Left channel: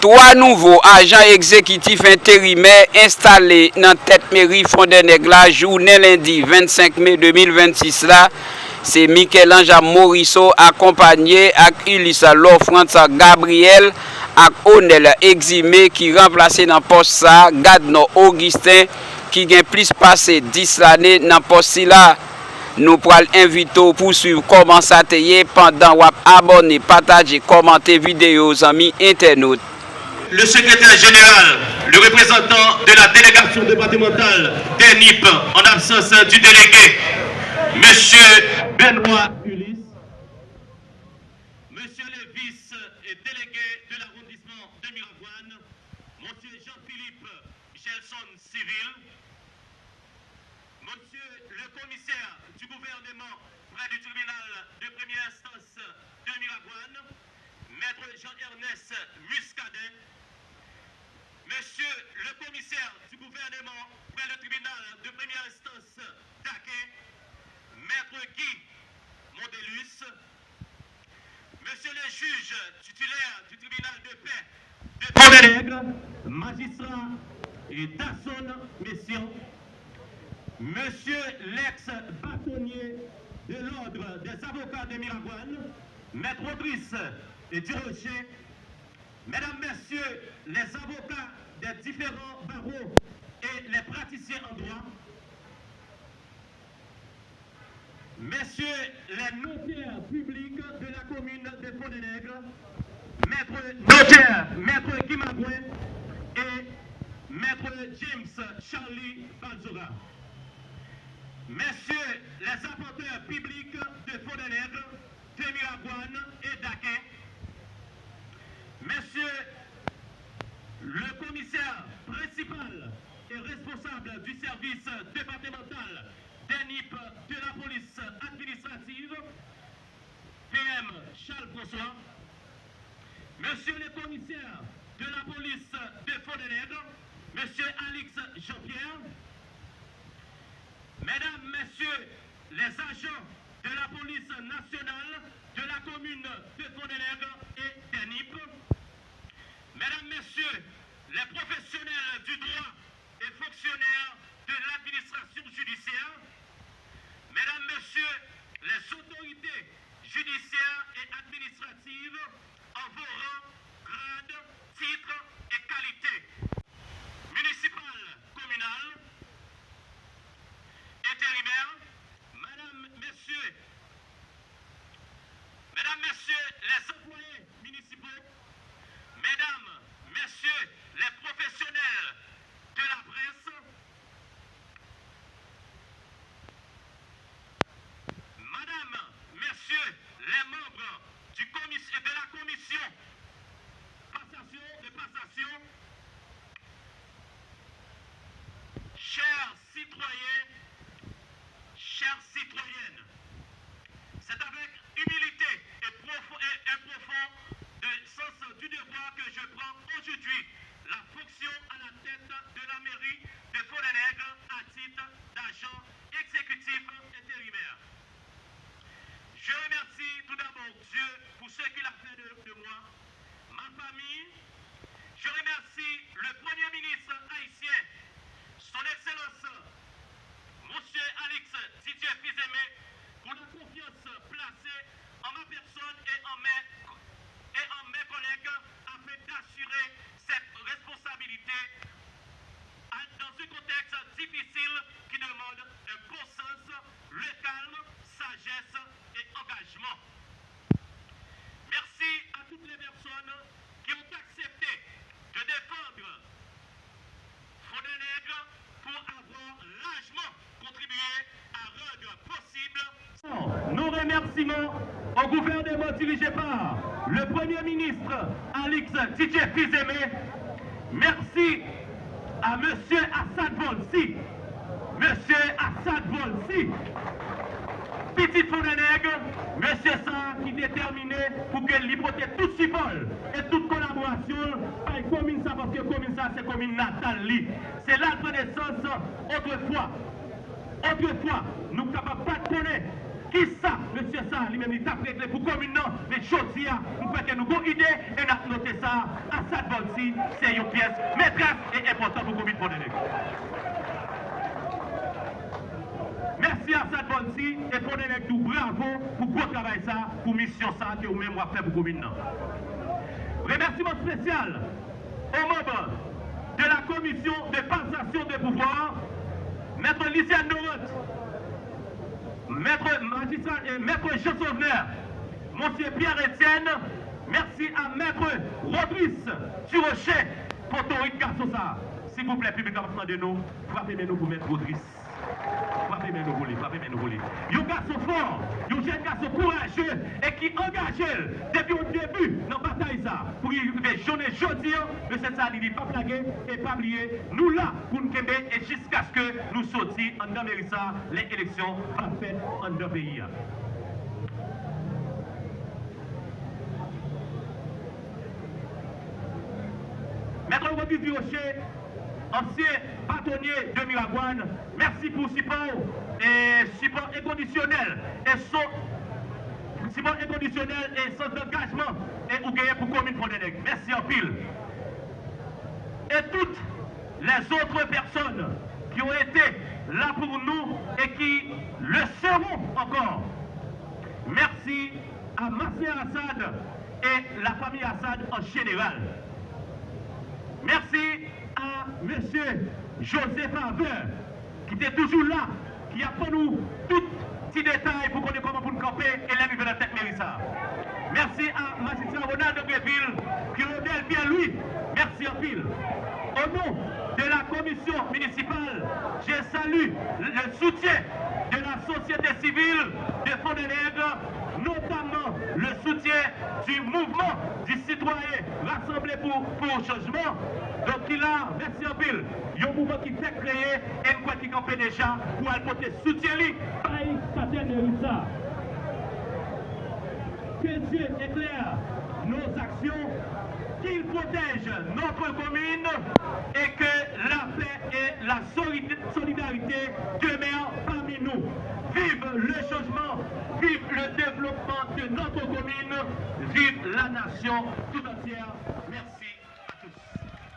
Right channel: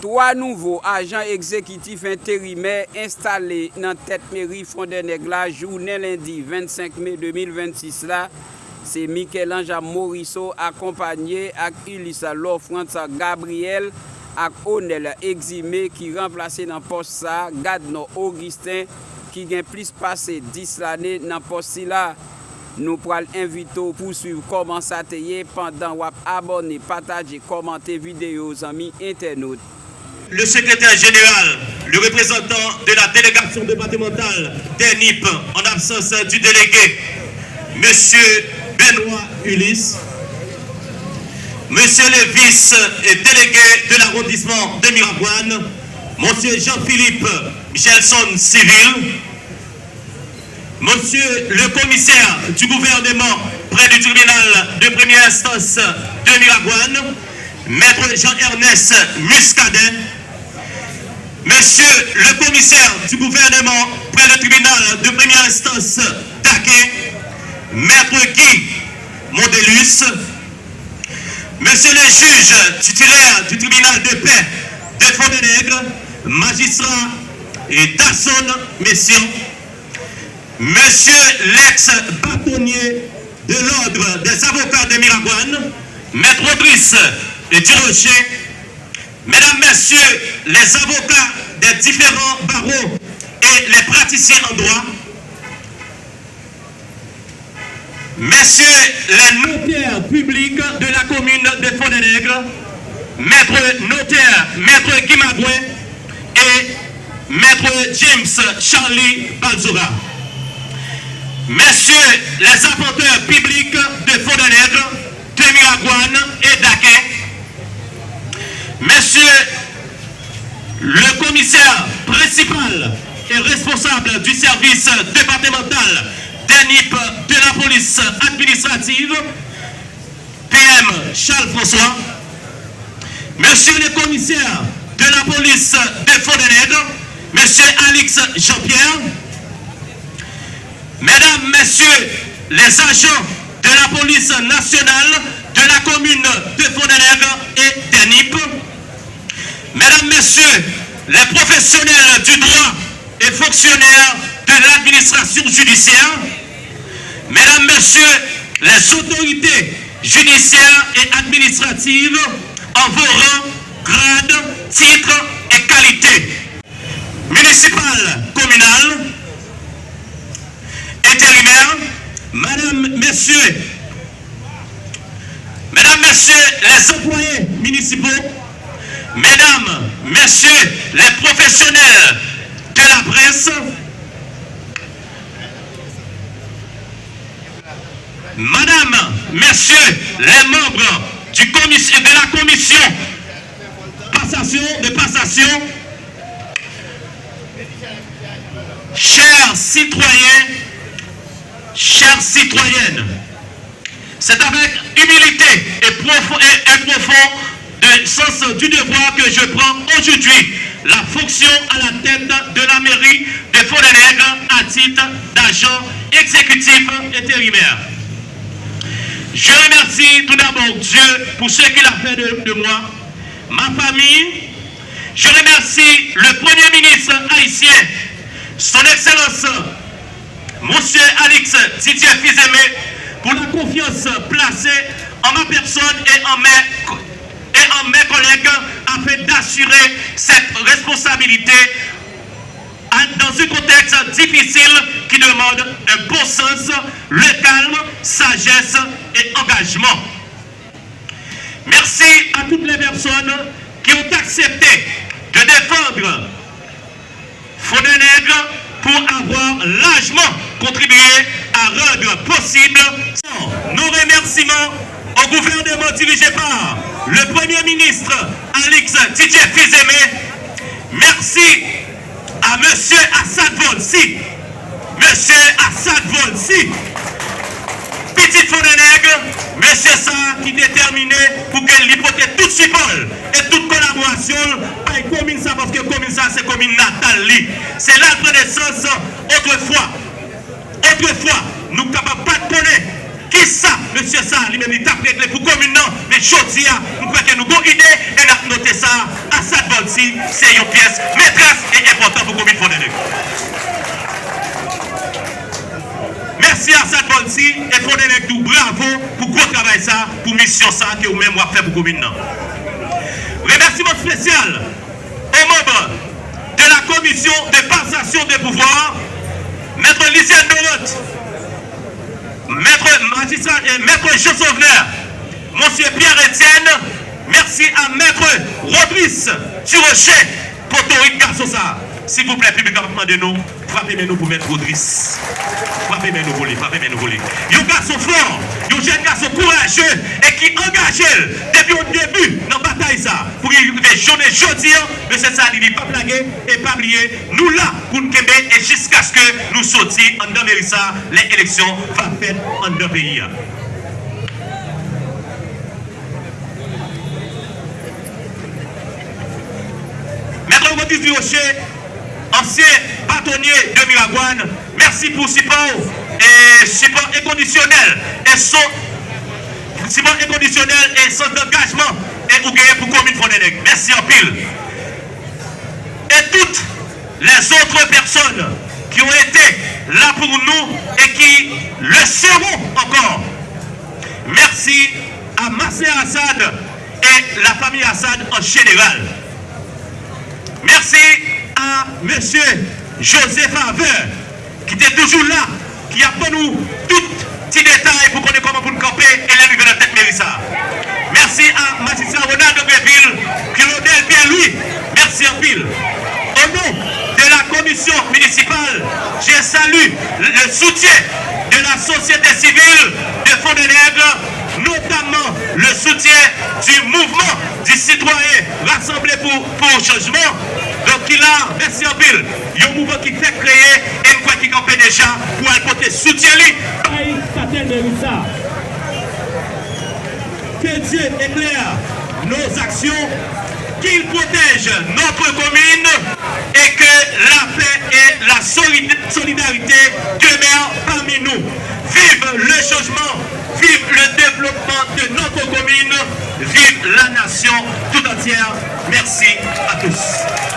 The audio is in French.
Trois nouveaux agents exécutifs intérimaires installés dans tête mairie Fondé-Nègre la journée lundi 25 mai 2026 là. C'est Michel-Ange Morisseau accompagné avec Ulissa Lofrance Gabriel et Onel Eximé qui remplacé dans poste ça Gadno Augustin qui gagne plus passé 10 années dans poste là. Nous pourrons inviter pour suivre comment ça t'est pendant ou abonner, partager, commenter vidéo aux amis internautes. Le secrétaire général, le représentant de la délégation départementale des NIP en absence du délégué, Monsieur Benoît Ulysse, Monsieur le vice-délégué de l'arrondissement de Miravoine, Monsieur Jean-Philippe Michelson Civil, Monsieur le commissaire du gouvernement près du tribunal de première instance de Miravoine, Maître Jean-Ernest Muscadet, Monsieur le commissaire du gouvernement près du tribunal de première instance d'Aquin, Maître Guy Mondelus, Monsieur le juge titulaire du tribunal de paix de Fondé-Nègre, magistrat et Dasson Messian, Monsieur l'ex-bâtonnier de l'ordre des avocats de Miravoine, Maître Audrice Durocher, Mesdames, Messieurs les avocats des différents barreaux et les praticiens en droit, Messieurs les notaires publics de la commune de Fondé-Nègre, Maître notaire, Maître Guy Magouin et Maître James Charlie Balzura, Messieurs les apporteurs publics de Fondé-Nègre, de Miravoine et d'Aquin, Messieurs le commissaire principal et responsable du service départemental des NIP de la police administrative, PM Charles François, Monsieur le commissaire de la police de Fondé-Nègre, Monsieur Alix Jean-Pierre, Mesdames, Messieurs les agents de la police nationale de la commune de Fondé-Nègre et des NIP, Mesdames, Messieurs les professionnels du droit et fonctionnaires de l'administration judiciaire, Mesdames, Messieurs les autorités judiciaires et administratives en vos rangs, grades, titres et qualités, municipales, communales, intérimaires, Mesdames, Messieurs les employés municipaux, Mesdames, Messieurs les professionnels de la presse, Madame, Messieurs les membres de la commission de passation, chers citoyens, chères citoyennes, c'est avec humilité et un profond sens du devoir que je prends aujourd'hui la fonction à la tête de la mairie de Fondé-Nègre à titre d'agent exécutif intérimaire. Je remercie tout d'abord Dieu pour ce qu'il a fait de moi, ma famille. Je remercie le Premier ministre haïtien, son Excellence, Monsieur Alix Didier Fils-Aimé, pour la confiance placée en ma personne et en mes collègues afin d'assurer cette responsabilité dans un contexte difficile qui demande un bon sens, le calme, sagesse et engagement. Merci à toutes les personnes qui ont accepté de défendre Fondé-Nègre pour avoir largement contribué à rendre possible nos remerciements au gouvernement dirigé par le Premier ministre Alix Didier Fils-Aimé. Merci à M. Assad Volsi, Petit Fondé-Nègre, M. ça qui est déterminé pour qu'elle hypothèque tout support et toute collaboration par commune ça parce que commune ça c'est commune natale. C'est l'arbre de naissance autrefois. Autrefois, nous ne sommes pas de connaître qui ça, monsieur ça, lui-même il t'a prêté pour commune non, mais chose nous croyons que nous avons une idée et nous avons noté ça à Assad Volsi. aussi, c'est une pièce maîtresse et importante pour la commune Fondé-Nègre. Merci à Sad Bonsi et Fondé-Nègre tout bravo pour gros travail ça, pour mission ça que vous-même vous avez fait pour la commune. Remerciement spécial aux membres de la commission de passation des pouvoirs, Maître Lysiane Doroth, Maître Jean Sauvener, Monsieur Pierre-Etienne, merci à Maître Rodrice Turochet pour Toric Garçosa. S'il vous plaît, public de nous, frappez-nous pour Maître Rodrice. Frappez-nous voler, frappez-nous voler. Un garçon fort, un jeune garçon courageux et qui engagé depuis le début dans la bataille ça. Pour y arriver journée jeudi, mais c'est ça, il n'est pas blagué et pas oublié. Nous là pour nous québer et jusqu'à ce que nous sortions en dans Mérissa, les élections vont faire en deux pays. Maître Rodrice Turochet, ancien bâtonnier de Miragouane, merci pour support inconditionnel et son engagement et pour gagner pour la commune Fondé-Nègre. Merci en pile. Et toutes les autres personnes qui ont été là pour nous et qui le seront encore. Merci à Massé Assad et la famille Assad en général. Merci à M. Joseph Faveur, qui était toujours là, qui a pour nous tout petit détail pour connaître comment vous nous camper et l'arrivée de la tête Mérissa. Merci à magistrat Ronald de Greville, Claudel Pierre-Louis, merci en pile. Au nom de la commission municipale, je salue le soutien de la société civile de Fondé-Nègre, notamment le soutien du mouvement du citoyen rassemblé pour changement. Donc il a, merci en pile, il y a un mouvement qui fait créer et une fois qui campait déjà pour apporter soutien. Que Dieu éclaire nos actions, qu'il protège notre commune et que la paix et la solidarité demeurent parmi nous. Vive le changement, vive le développement de notre commune, vive la nation tout entière. Merci à tous.